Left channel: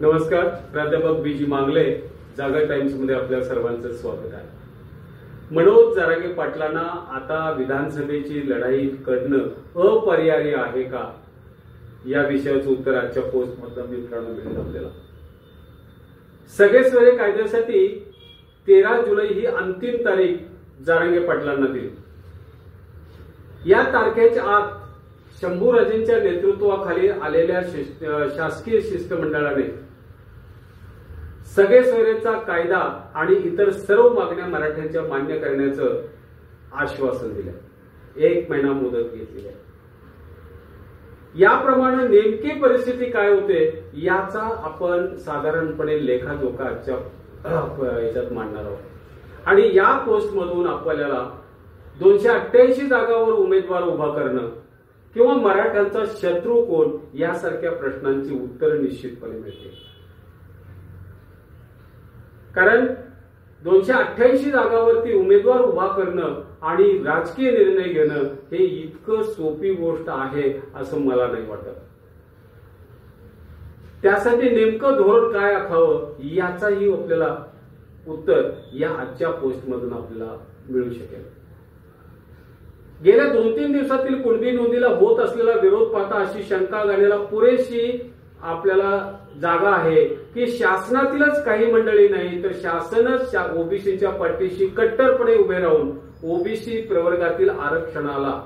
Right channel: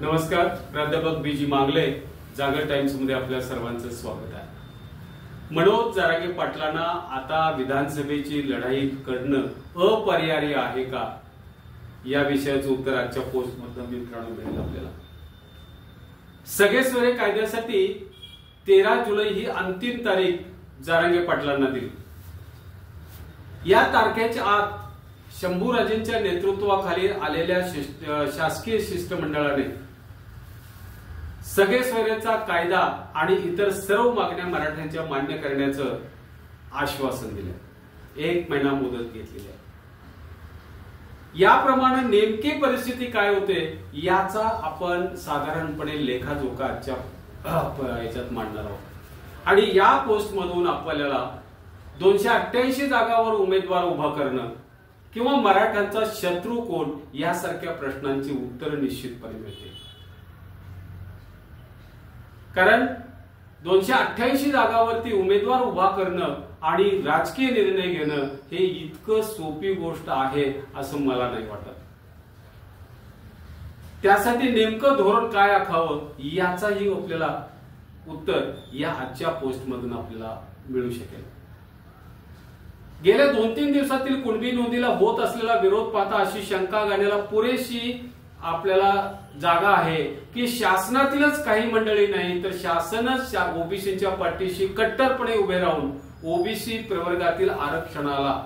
नमस्कार, प्राध्यापक बीजी मांगले, जागर टाइम्स मध्ये आपल्या सर्वांचं स्वागत आहे. मनोज जरांगे पाटलांना आता विधानसभेची लढाई लढणं अपरिहार्य आहे का, या विषयाचं उत्तर आजच्या पोस्ट मधून मित्रांनो मिळेल आपल्याला. सगळे सोयरे कायद्यासाठी 13 जुलै ही अंतिम तारीख जरांगे पाटलांना दिली. या तारखेच्या आत शंभूराजेंच्या नेतृत्वाखाली आलेल्या शासकीय शिष्टमंडळाने सगळे सोयरेचा कायदा आणि इतर सर्व मागण्या मराठ्यांच्या मान्य करण्याचं आश्वासन दिलं. 1 महिना मुदत घेतली आहे. याप्रमाणे नेमकी परिस्थिती काय होते याचा आपण साधारणपणे लेखाजोखा आजच्या याच्यात मांडणार आहोत. आणि या पोस्ट मधून आपल्याला 288 जागांवर उमेदवार उभा करणं किंवा मराठ्यांचा शत्रू कोण यासारख्या प्रश्नांची उत्तर निश्चितपणे मिळते. कारण 288 जागांवरती उमेदवार उभा करणं आणि राजकीय निर्णय घेणं हे इतकं सोपी गोष्ट आहे असं मला नाही वाटत. त्यासाठी नेमकं धोरण काय आखावं याचाही आपल्याला उत्तर या आजच्या पोस्ट मधून आपल्याला मिळू शकेल. गेल्या 2-3 दिवसातील कुणबी नोंदीला होत असलेला विरोध पाहता अशी शंका घालण्याला पुरेशी आपल्याला जागा आहे की शासनातीलच काही मंडळी नाही तर शासनच ओबीसीच्या पाठीशी कट्टरपणे उभे राहून ओबीसी प्रवर्गातील आरक्षणाला,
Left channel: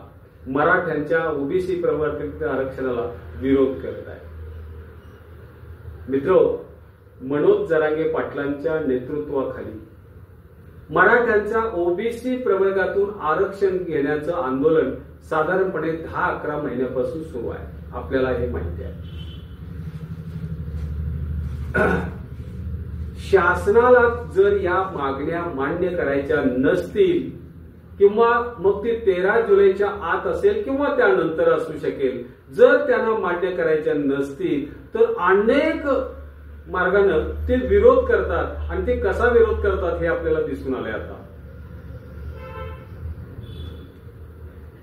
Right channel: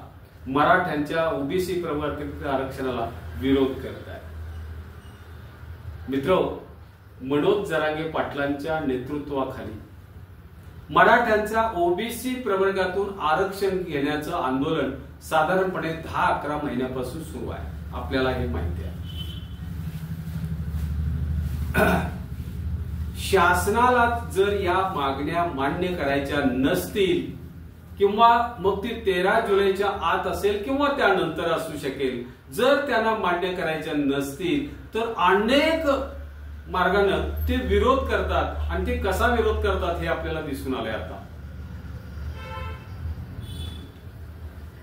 मराठ्यांच्या ओबीसी प्रवर्गातील आरक्षणाला विरोध करत आहे. मित्रो, मनोज जरांगे पाटलांच्या नेतृत्वाखाली मराठ्यांच्या ओबीसी प्रवर्गातून आरक्षण घेण्याचं आंदोलन साधारणपणे 10-11 महिन्यापासून सुरू आहे. आपल्याला हे माहिती आहे. शासनाला जर या मागण्या मान्य करायच्या नसतील किंवा मग ती 13 जुलैच्या आत असेल किंवा त्यानंतर असू शकेल, जर त्यांना मान्य करायच्या नसतील तर अनेक मार्गाने ते विरोध करतात. आणि ते कसा विरोध करतात हे आपल्याला दिसून आले. आता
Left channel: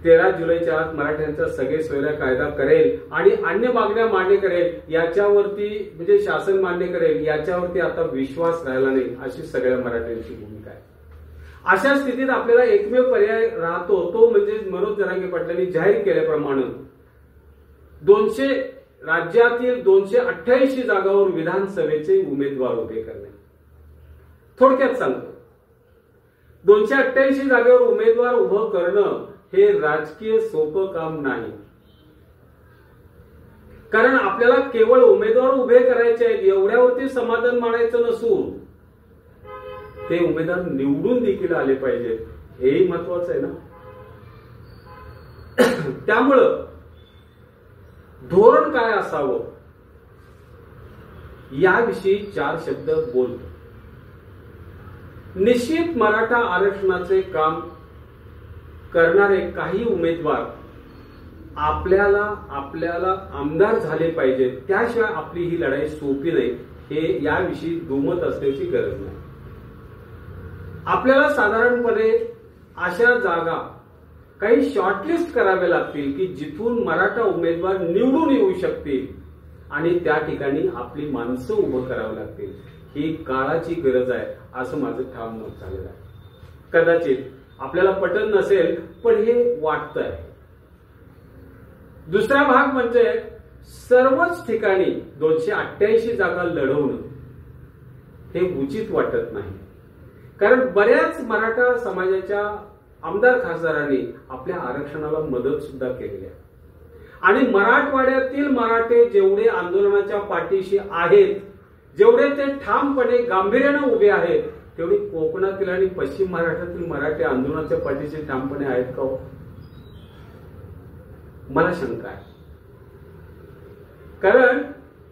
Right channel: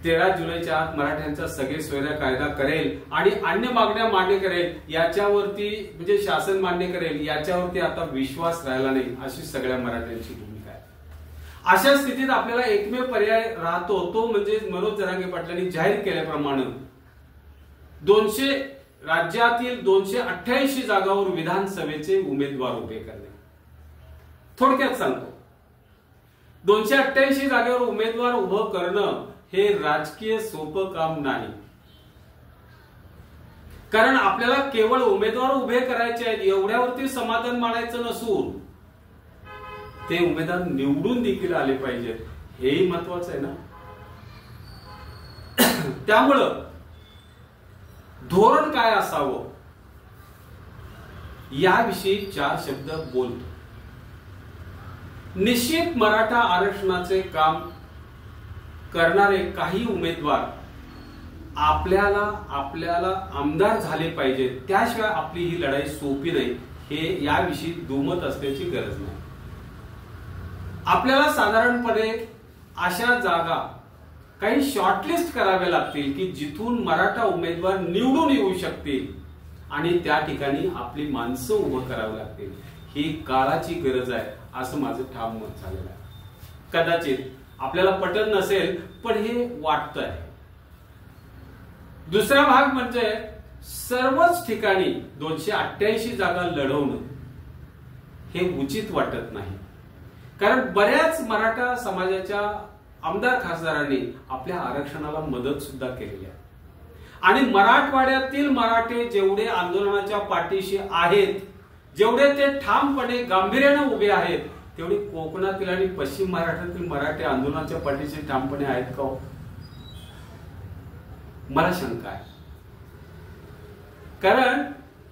13 जुलैच्या आत मराठ्यांचा सगळे सोयरा कायदा करेल आणि अन्य मागण्या मान्य करेल याच्यावरती, म्हणजे शासन मान्य करेल याच्यावरती आता विश्वास राहिला नाही अशी सगळ्या मराठ्यांची भूमिका आहे. अशा स्थितीत आपल्याला एकमेव पर्याय राहतो तो म्हणजे मनोज जरांगे पाटलांनी जाहीर केल्याप्रमाणे राज्यातील 288 जागांवर विधानसभेचे उमेदवार उभे करणे. थोडक्यात सांगतो, 288 जागेवर उमेदवार उभं करणं हे राजकीय सोपं काम नाही. कारण आपल्याला केवळ उमेदवार उभे करायचे आहेत एवढ्यावरती समाधान मानायचं नसून ते उमेदवार निवडून देखील आले पाहिजेत, हेही महत्वाचं आहे ना. त्यामुळं धोरण काय असावं याविषयी 4 शब्द बोलतो. निश्चित मराठा आरक्षणाचे काम करणारे काही उमेदवार आपल्याला आमदार झाले पाहिजेत, त्याशिवाय आपली ही लढाई सोपी नाही, हे याविषयी दुमत असण्याची गरज नाही. आपल्याला साधारणपणे अशा जागा काही शॉर्टलिस्ट करावे लागतील की जिथून मराठा उमेदवार निवडून येऊ शकतील आणि त्या ठिकाणी आपली माणसं उभं करावी लागतील. ही काळाची गरज आहे असं माझं ठाम मत झालेलं आहे. कदाचित आपल्याला पटत नसेल पण हे वाटतंय. दुसरा भाग म्हणजे सर्वच ठिकाणी 288 जागा लढवणं हे उचित वाटत नाही. कारण बऱ्याच मराठा समाजाच्या आमदार खासदारांनी आपल्या आरक्षणाला मदत सुद्धा केलेली आहे. आणि मराठवाड्यातील मराठे जेवढे आंदोलनाच्या पाठीशी आहेत, जेवढे ते ठामपणे गांभीर्याने उभे आहेत, तेवढे कोकणातील आणि पश्चिम महाराष्ट्रातील मराठे आंदोलनाच्या पाठीशी ठामपणे आहेत का हो? मला शंका आहे. कारण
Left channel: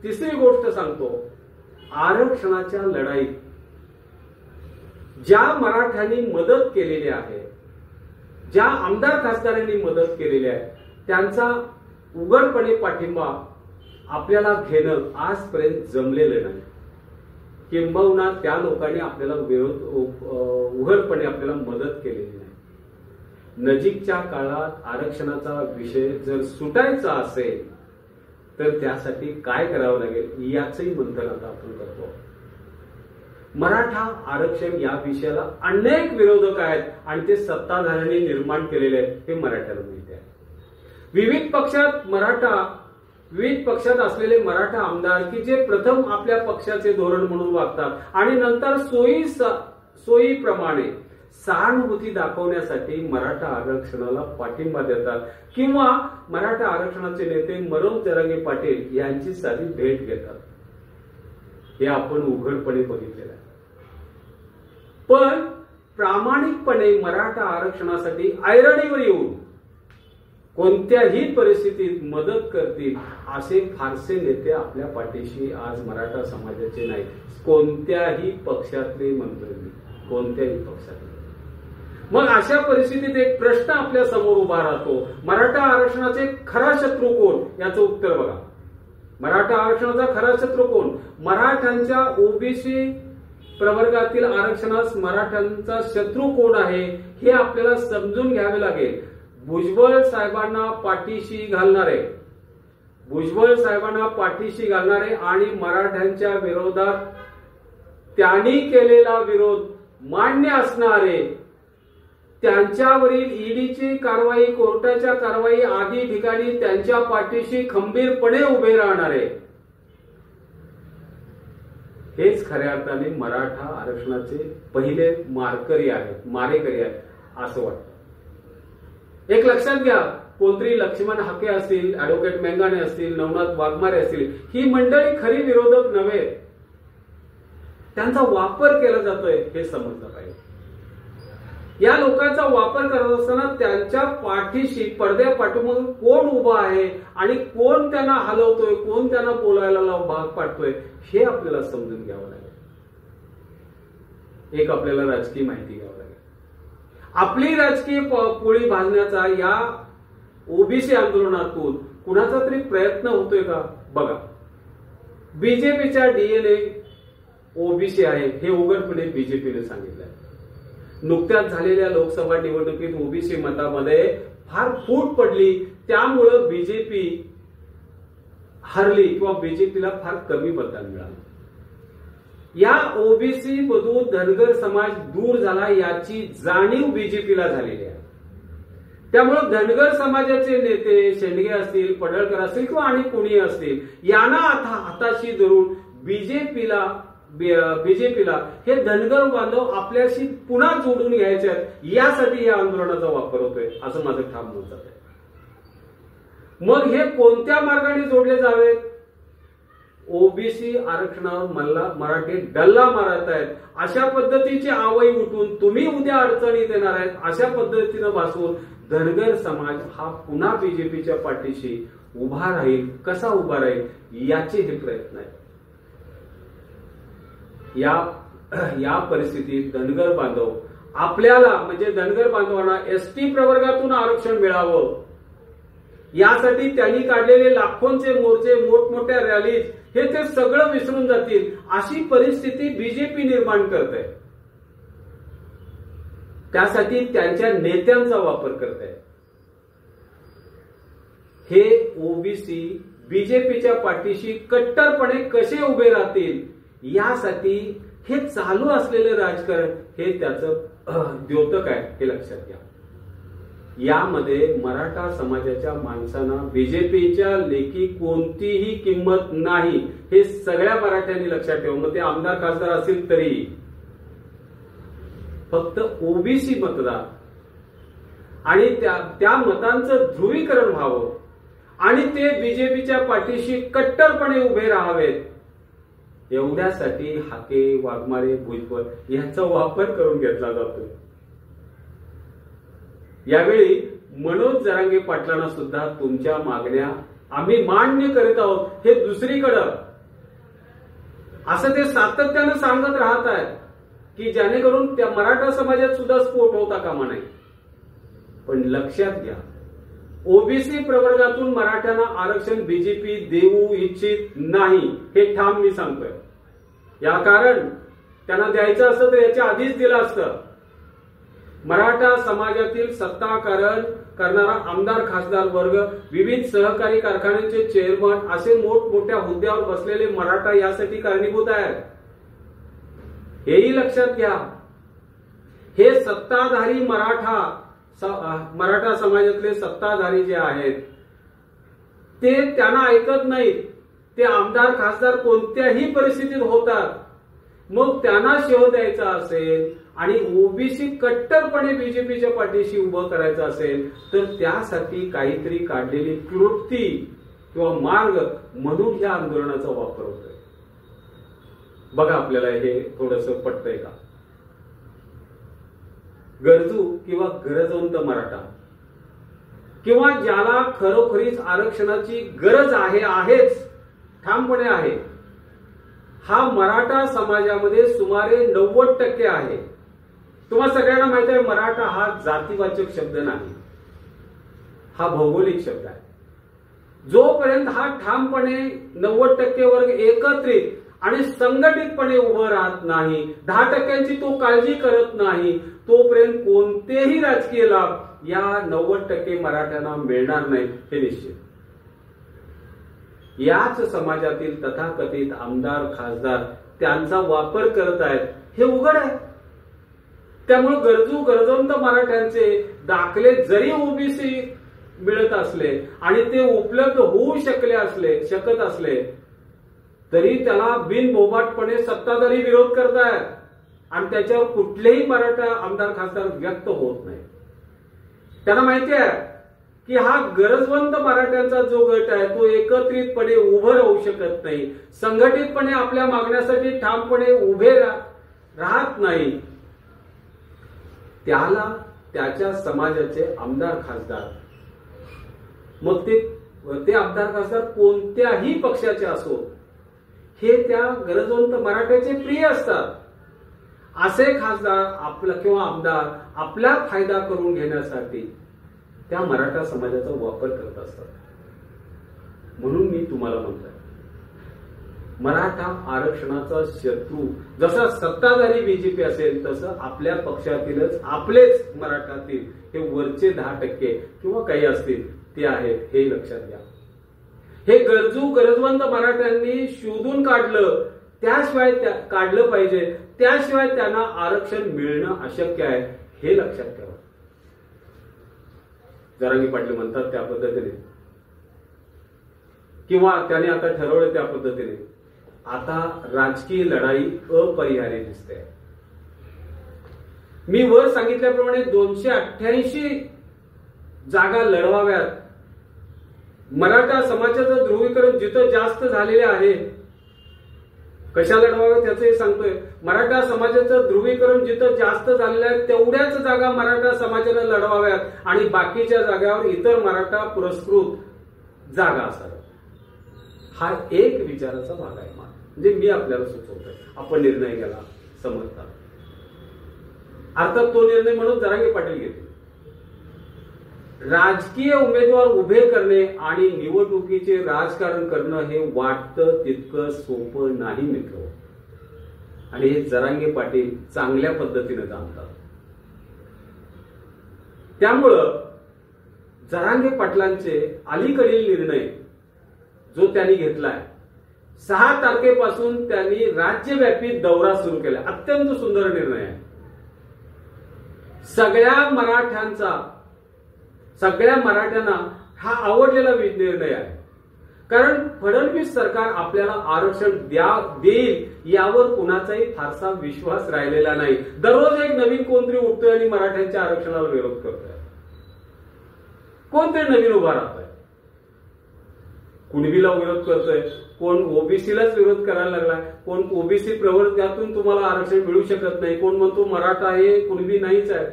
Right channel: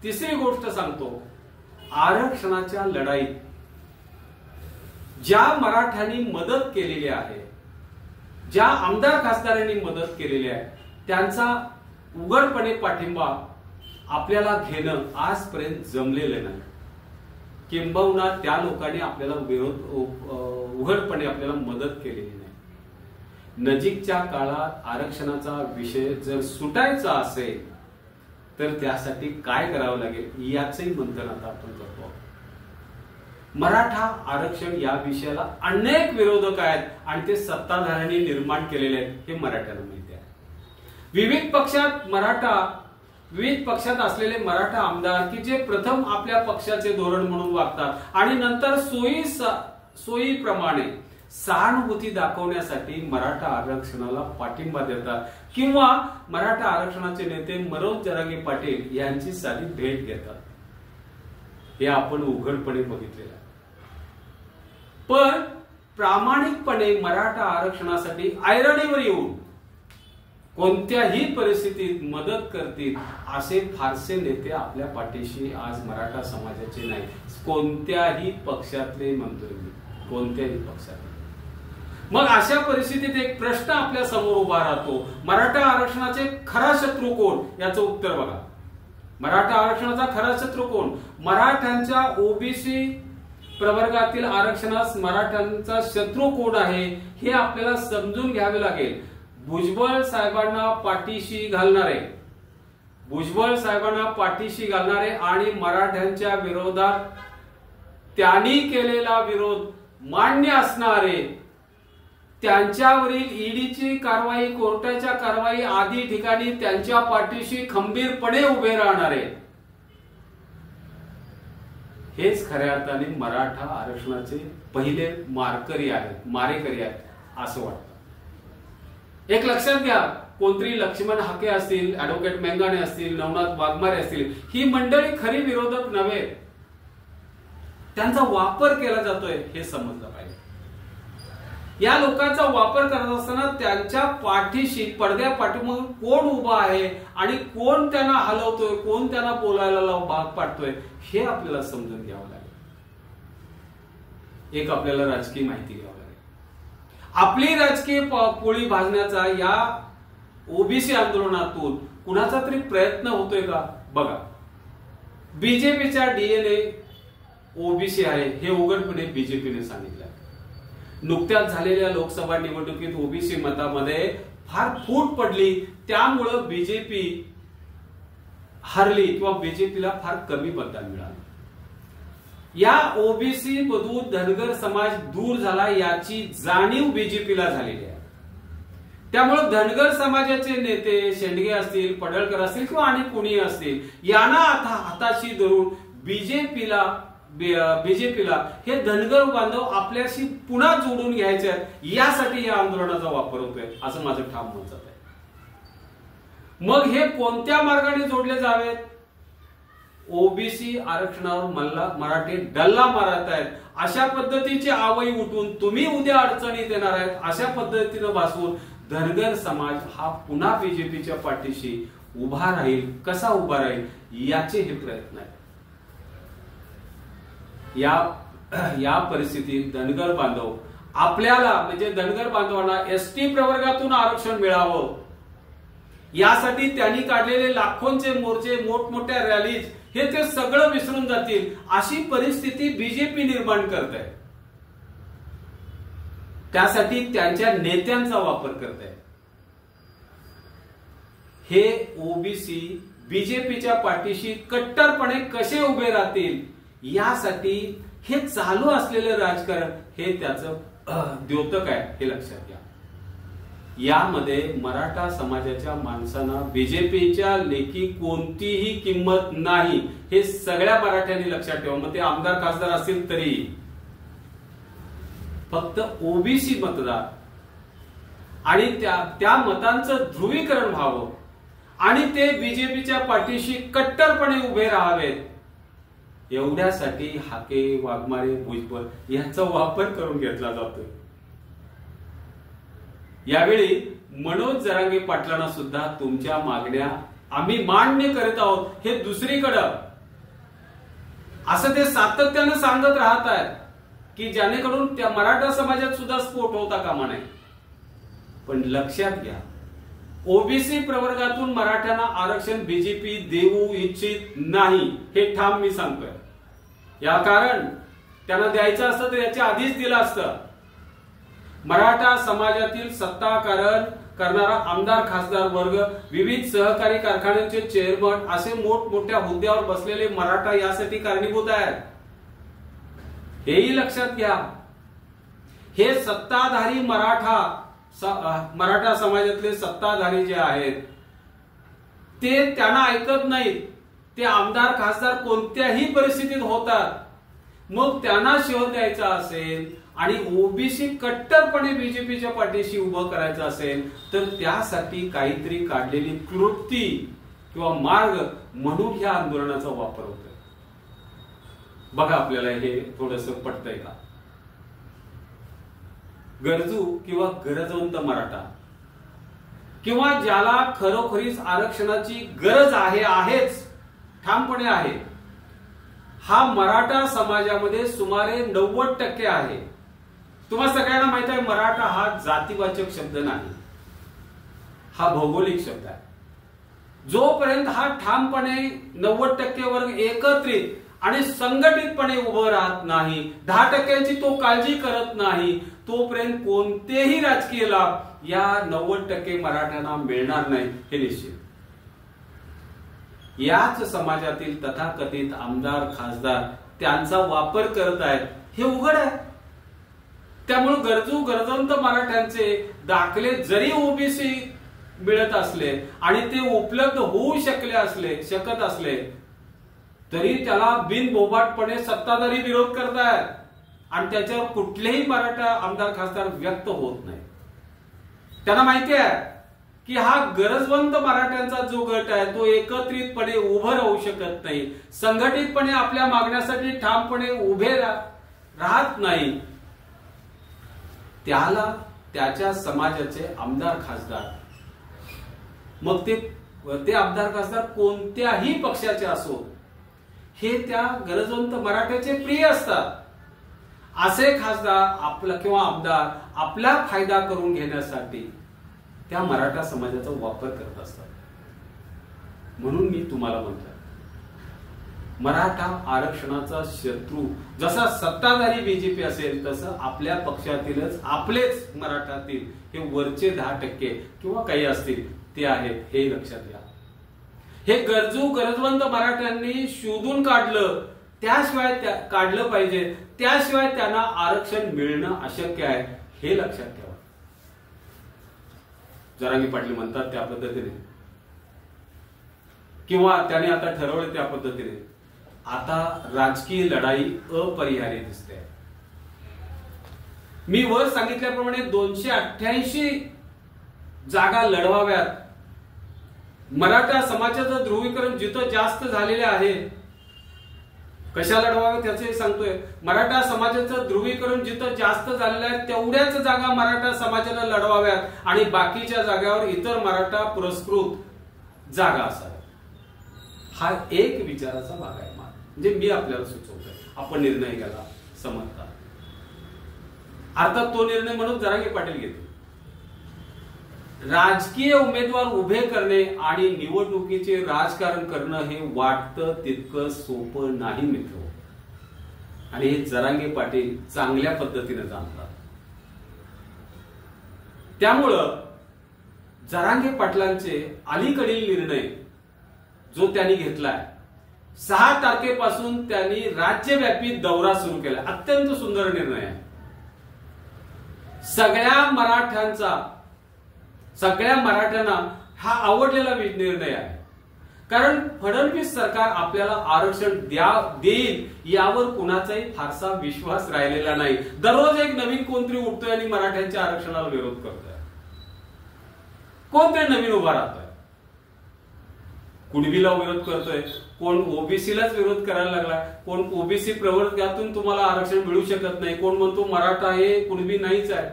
तिसरी गोष्ट सांगतो, आरक्षणाच्या लढाईत ज्या मराठ्यांनी मदत केलेली आहे, ज्या आमदार खासदारांनी मदत केलेली आहे, त्यांचा उघडपणे पाठिंबा आपल्याला घेणं आजपर्यंत जमलेलं नाही. किंबहुना त्या लोकांनी आपल्याला उघडपणे आपल्याला मदत केलेली नाही. नजीकच्या काळात आरक्षणाचा विषय जर सुटायचा असेल तर त्यासाठी काय करावं लागेल याचंही मंथन आता आपण करतो. मराठा आरक्षण या विषयाला अनेक विरोधक आहेत आणि ते सत्ताधाऱ्यांनी निर्माण केलेले आहेत हे मराठ्याला माहिती आहे. विविध पक्षात असलेले मराठा आमदार की जे प्रथम आपल्या पक्षाचे धोरण म्हणून वागतात आणि नंतर सोयीप्रमाणे सहानुभूती दाखवण्यासाठी मराठा आरक्षणाला पाठिंबा देतात किंवा मराठा आरक्षणाचे नेते मनोज जरांगे पाटील यांची साधी भेट घेतात, हे आपण उघडपणे बघितलेलं आहे. पण प्रामाणिकपणे मराठा आरक्षणासाठी ऐरणीवर येऊन कोणत्याही परिस्थितीत मदत करतील असे फारसे नेते आपल्या पाठीशी आज मराठा समाजाचे नाही. कोणत्याही पक्षातले मंत्री, कोणत्याही पक्षातले. मग अशा परिस्थितीत एक प्रश्न आपल्या समोर उभा राहतो, मराठा आरक्षणाचे खरा शत्रू कोण? याचं उत्तर बघा. मराठा आरक्षणाचा खरा शत्रू कोण? मराठ्यांच्या ओबीसी प्रवर्गातील आरक्षणास मराठ्यांचा शत्रू कोण आहे हे आपल्याला समजून घ्यावे लागेल. भुजबळ साहेबांना पाठीशी घालणारे आणि मराठ्यांच्या विरोधात त्यांनी केलेला विरोध मान्य असणारे, त्यांच्यावरील ईडीची कारवाई, कोर्टाच्या कारवाई आदी ठिकाणी त्यांच्या पाठीशी खंबीरपणे उभे राहणारे, हेच खऱ्या अर्थाने मराठा आरक्षणाचे पहिले मारेकरी आहेत असं वाटतं. एक लक्षात घ्या, कोणतरी लक्ष्मण हाके असतील, ऍडव्होकेट मेंगाणे असतील, नवनाथ वाघमारे असतील, ही मंडळी खरी विरोधक नव्हे, त्यांचा वापर केला जातोय हे समजलं पाहिजे. या लोकांचा वापर करत असताना त्यांच्या पाठीशी पडद्यापाठीमागे कोण उभा आहे आणि कोण त्यांना हलवतोय, कोण त्यांना बोलायला भाग पाडतोय हे आपल्याला समजून घ्यावं लागेल. एक आपल्याला राजकीय माहिती घ्यावं लागेल. आपली राजकीय पोळी भाजण्याचा या ओबीसी आंदोलनातून कुणाचा तरी प्रयत्न होतोय का बघा. बीजेपीचा डीएनए ओबीसी आहे हे उघडपणे बीजेपीने सांगितलं. नुकत्याच झालेल्या लोकसभा निवडणुकीत ओबीसी मतामध्ये फार फूट पडली, त्यामुळं बीजेपी हरली किंवा बीजेपीला फार कमी मतदान मिळालं. या ओबीसी मधून धनगर समाज दूर झाला याची जाणीव बीजेपीला झालेली आहे. त्यामुळे धनगर समाजाचे नेते शेंडगे असतील, पडळकर असतील किंवा आणि कोणी असतील, यांना आता हाताशी धरून बीजेपीला हे धनगर बांधव आपल्याशी पुन्हा जोडून घ्यायचे आहेत, यासाठी या आंदोलनाचा वापर होतोय असं माझं ठाम मत आहे. मग हे कोणत्या मार्गाने जोडले जावेत? ओबीसी आरक्षणावर मराठी डल्ला मारत आहेत अशा पद्धतीची आवई उठून तुम्ही उद्या अडचणीत येणार आहेत अशा पद्धतीनं भासवून धनगर समाज हा पुन्हा बीजेपीच्या पाठीशी उभा राहील. कसा उभा राहील याचे हे प्रयत्न आहेत. या परिस्थितीत धनगर बांधव आपल्याला म्हणजे धनगर बांधवांना एसटी प्रवर्गातून आरक्षण मिळावं यासाठी त्यांनी काढलेले लाखोंचे मोर्चे, मोठमोठ्या रॅलीज हे ते सगळं विसरून जातील अशी परिस्थिती बीजेपी निर्माण करत आहे. त्यासाठी त्यांच्या नेत्यांचा वापर करत आहे. हे ओबीसी बीजेपीच्या पाठीशी कट्टरपणे कसे उभे राहतील यासाठी हे चालू असलेले राजकारण हे त्याचं द्योतक आहे हे लक्षात घ्या. यामध्ये मराठा समाजाच्या माणसांना बीजेपीच्या लेखी कोणतीही किंमत नाही हे सगळ्या मराठ्यांनी लक्षात ठेवा. मग ते आमदार खासदार असतील तरी फक्त ओबीसी मतदार आणि त्या मतांचं ध्रुवीकरण व्हावं आणि ते बीजेपीच्या पाठीशी कट्टरपणे उभे राहावेत एवढ्यासाठी हाके, वाघमारे, भुजबळ यांचा वापर करून घेतला जातोय. यावेळी मनोज जरांगे पाटलांना सुद्धा तुमच्या मागण्या आम्ही मान्य करीत आहोत हे दुसरीकडं असं ते सातत्याने सांगत राहत आहेत की जेणेकरून त्या मराठा समाजात सुद्धा स्फोट होता कामा नये. पण लक्षात घ्या, ओबीसी प्रवर्गातून मराठ्यांना आरक्षण बीजेपी देऊ इच्छित नाही हे ठाम मी सांगतोय. या कारण त्यांना द्यायचं असतं तर याच्या आधीच दिलं असतं. मराठा समाजातील सत्ताकारण करणारा आमदार खासदार वर्ग, विविध सहकारी कारखान्यांचे चेअरमन असे मोठमोठ्या हुद्द्यावर बसलेले मराठा यासाठी कारणीभूत आहेत. हेही लक्षात घ्या. हे सत्ताधारी मराठा समाजातले सत्ताधारी जे आहेत ते त्यांना ऐकत नाहीत. ते आमदार खासदार कोणत्याही परिस्थितीत होतात. मग त्यांना शोध द्यायचा असेल आणि ओबीसी कट्टरपणे बीजेपीच्या पाठीशी उभं करायचं असेल तर त्यासाठी काहीतरी काढलेली कृती किंवा मार्ग म्हणून ह्या आंदोलनाचा वापर होतोय. बघा आपल्याला हे थोडंसं पटतंय का? गरजू किंवा गरजवंत मराठा किंवा ज्याला खरोखरीच आरक्षणाची गरज आहेच, ठामपणे आहे, हा मराठा समाजामध्ये सुमारे 90% आहे. तुम्हाला सगळ्यांना माहित आहे मराठा हा जातीवाचक शब्द नाही, हा भौगोलिक शब्द आहे. जोपर्यंत हा ठामपणे 90% वर्ग एकत्रित आणि संघटितपणे उभं राहत नाही, 10% तो काळजी करत नाही, तोपर्यंत कोणतेही राजकीय लाभ या 90% मराठ्यांना मिळणार नाही हे निश्चित. याच समाजातील तथाकथित आमदार खासदार त्यांचा वापर करत आहेत हे उघड आहे. त्यामुळे गरजवंत मराठ्यांचे दाखले जरी ओबीसी मिळत असले आणि ते उपलब्ध होऊ शकत असले तरी त्याला बिनबोबाटपणे सत्ताधारी विरोध करतायत आणि त्याच्यावर कुठलेही मराठा आमदार खासदार व्यक्त होत नाही. त्यांना माहिती आहे की हा गरजवंत मराठ्यांचा जो गट आहे तो एकत्रितपणे उभं राहू शकत नाही, संघटितपणे आपल्या मागण्यासाठी ठामपणे उभे राहत नाही. त्याला त्याच्या समाजाचे आमदार खासदार, मग ते आमदार खासदार कोणत्याही पक्षाचे असो, हे त्या गरजवंत मराठ्याचे प्रिय असतात. असे खासदार आपला किंवा आमदार आपला फायदा करून घेण्यासाठी त्या मराठा समाजाचा वापर करत असतात. म्हणून मी तुम्हाला म्हणतोय मराठा आरक्षणाचा शत्रू जसा सत्ताधारी बीजेपी असेल तसं आपल्या पक्षातीलच आपलेच मराठातील हे वरचे 10% किंवा काही असतील ते आहेत हे लक्षात घ्या. हे गरजवंत मराठ्यांनी शोधून काढलं, त्याशिवाय काढलं पाहिजे, त्याशिवाय त्यांना आरक्षण मिळणं अशक्य आहे हे लक्षात ठेवा. जरांगे पाटील म्हणतात त्या पद्धतीने किंवा त्याने आता ठरवलं त्या पद्धतीने आता राजकीय लढाई अपरिहार्य दिसते. मी वर सांगितल्याप्रमाणे 288 जागा लढवाव्यात. मराठा समाजाचं ध्रुवीकरण जिथं जास्त झालेले आहे, कशा लढवाव्या त्याचंही सांगतोय. मराठा समाजाचं ध्रुवीकरण जिथं जास्त झालेलं आहे तेवढ्याच जागा मराठा समाजाला लढवाव्यात आणि बाकीच्या जागावर इतर मराठा पुरस्कृत जागा असाव्यात. हा एक विचाराचा भाग आहे. म्हणजे मी आपल्याला सुचवतोय, आपण निर्णय घ्यायला समर्थ आहात. अर्थात तो निर्णय म्हणून जरांगे पाटील घेतील. राजकीय उमेदवार उभे करणे आणि निवडणुकीचे राजकारण करणं हे वाटतं तितकं सोपं नाही मित्र, आणि हे जरांगे पाटील चांगल्या पद्धतीने जाणतात. त्यामुळं जरांगे पाटलांचे अलीकडील निर्णय जो त्यांनी घेतलाय, 6 तारखेपासून त्यांनी राज्यव्यापी दौरा सुरू केला, अत्यंत सुंदर निर्णय आहे. सगळ्या मराठ्यांना हा आवडलेला निर्णय आहे. कारण फडणवीस सरकार आपल्याला आरक्षण देईल यावर कुणाचाही फारसा विश्वास राहिलेला नाही. दररोज एक नवीन कोणतरी उठतोय आणि मराठ्यांच्या आरक्षणाला विरोध करतोय. कोणतरी नवीन उभा राहतोय, कुणबीला विरोध करतोय, कोण ओबीसीलाच विरोध करायला लागला, कोण ओबीसी प्रवर्गातून तुम्हाला आरक्षण मिळू शकत नाही, कोण म्हणतो मराठा हे कुणबी नाहीच आहे.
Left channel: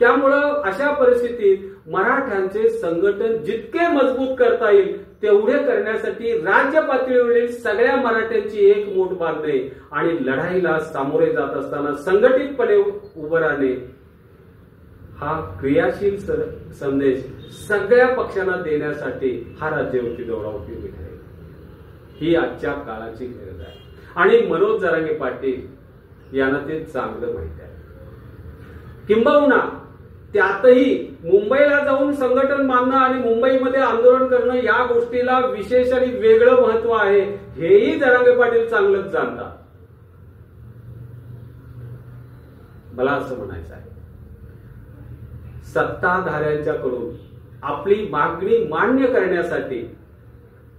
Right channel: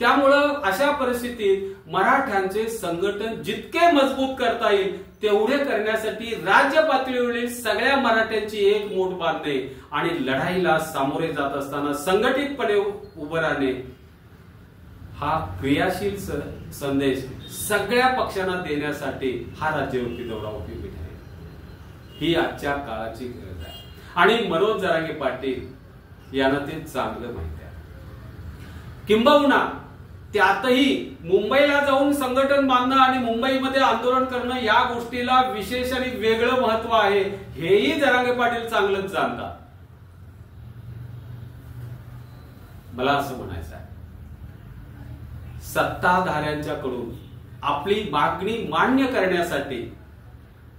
त्यामुळं अशा परिस्थितीत मराठ्यांचे संघटन जितके मजबूत करता येईल तेवढे करण्यासाठी राज्य पातळीवरील सगळ्या मराठ्यांची एक मोठ बांधणे आणि लढाईला सामोरे जात असताना संघटितपणे उभं राहणे हा क्रियाशील संदेश सगळ्या पक्षांना देण्यासाठी हा राज्यव्यापी दौरा उपयोगी ठरेल. ही आजच्या काळाची गरज आहे आणि मनोज जरांगे पाटील यांना ते चांगलं माहिती आहे. किंबहुना त्यातही मुंबईला जाऊन संघटन बांधणं आणि मुंबईमध्ये आंदोलन करणं या गोष्टीला विशेष आणि वेगळं महत्व आहे, हेही जरांगे पाटील चांगलंच जाणतात. मला असं म्हणायचं आहे, सत्ताधाऱ्यांच्याकडून आपली मागणी मान्य करण्यासाठी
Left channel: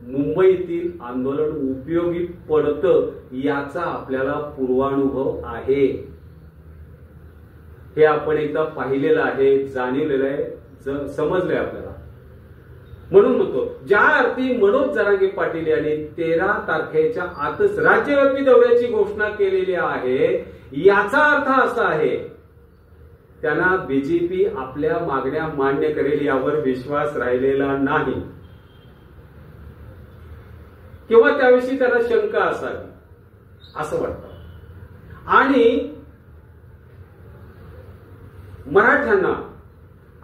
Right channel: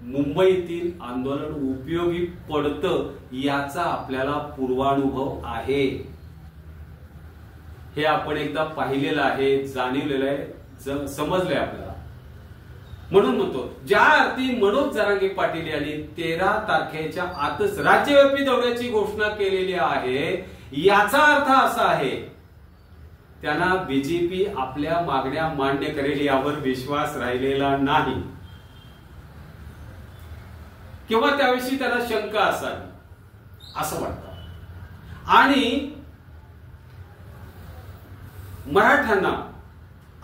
मुंबईतील आंदोलन उपयोगी पडतं याचा आपल्याला पूर्वानुभव आहे. हे आपण एकदा पाहिलेलं आहे, जाणीवलेलं आहे, समजलंय आपल्याला. म्हणून म्हणतो, ज्या अर्थी मनोज जरांगे पाटील यांनी 13 तारखेच्या आतच राज्यव्यापी दौऱ्याची घोषणा केलेली आहे, याचा अर्थ असा आहे त्यांना बीजेपी आपल्या मागण्या मान्य करेल यावर विश्वास राहिलेला नाही किंवा त्याविषयी त्यांना शंका असावी असं वाटतं. आणि मराठ्यांना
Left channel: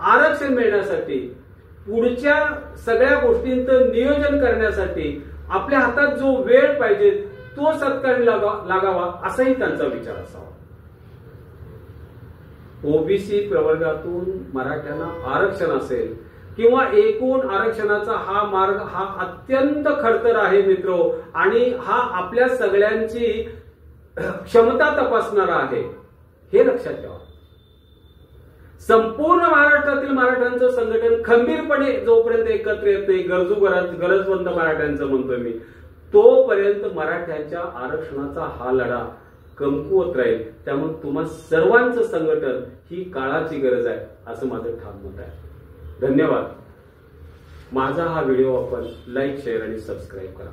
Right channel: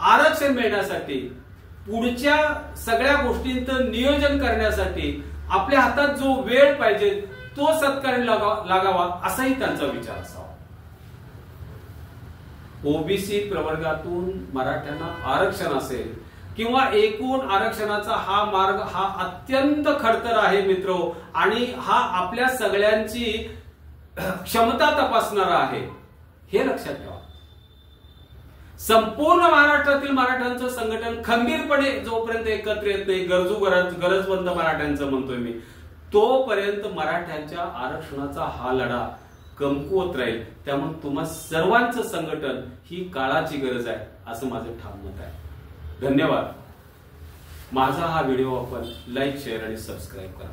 आरक्षण मिळण्यासाठी पुढच्या सगळ्या गोष्टींचं नियोजन करण्यासाठी आपल्या हातात जो वेळ पाहिजे तो सत्कारणी लागावा असाही त्यांचा विचार असावा. ओबीसी प्रवर्गातून मराठ्यांना आरक्षण असेल किंवा एकूण आरक्षणाचा हा मार्ग हा अत्यंत खडतर आहे मित्रो, आणि हा आपल्या सगळ्यांची क्षमता तपासणारा आहे, हे लक्षात ठेवा. संपूर्ण महाराष्ट्रातील मराठ्यांचं संघटन खंबीरपणे जोपर्यंत एकत्र येत नाही, गरजवंत मराठ्यांचं म्हणतोय मी, तोपर्यंत मराठ्यांच्या आरक्षणाचा हा लढा कमकुवत राहील. त्यामुळे तुम्हा सर्वांचं संघटन ही काळाची गरज आहे असं माझं ठाम मत आहे. धन्यवाद. माझा हा व्हिडिओ आपण लाईक, शेअर आणि सबस्क्राईब करा.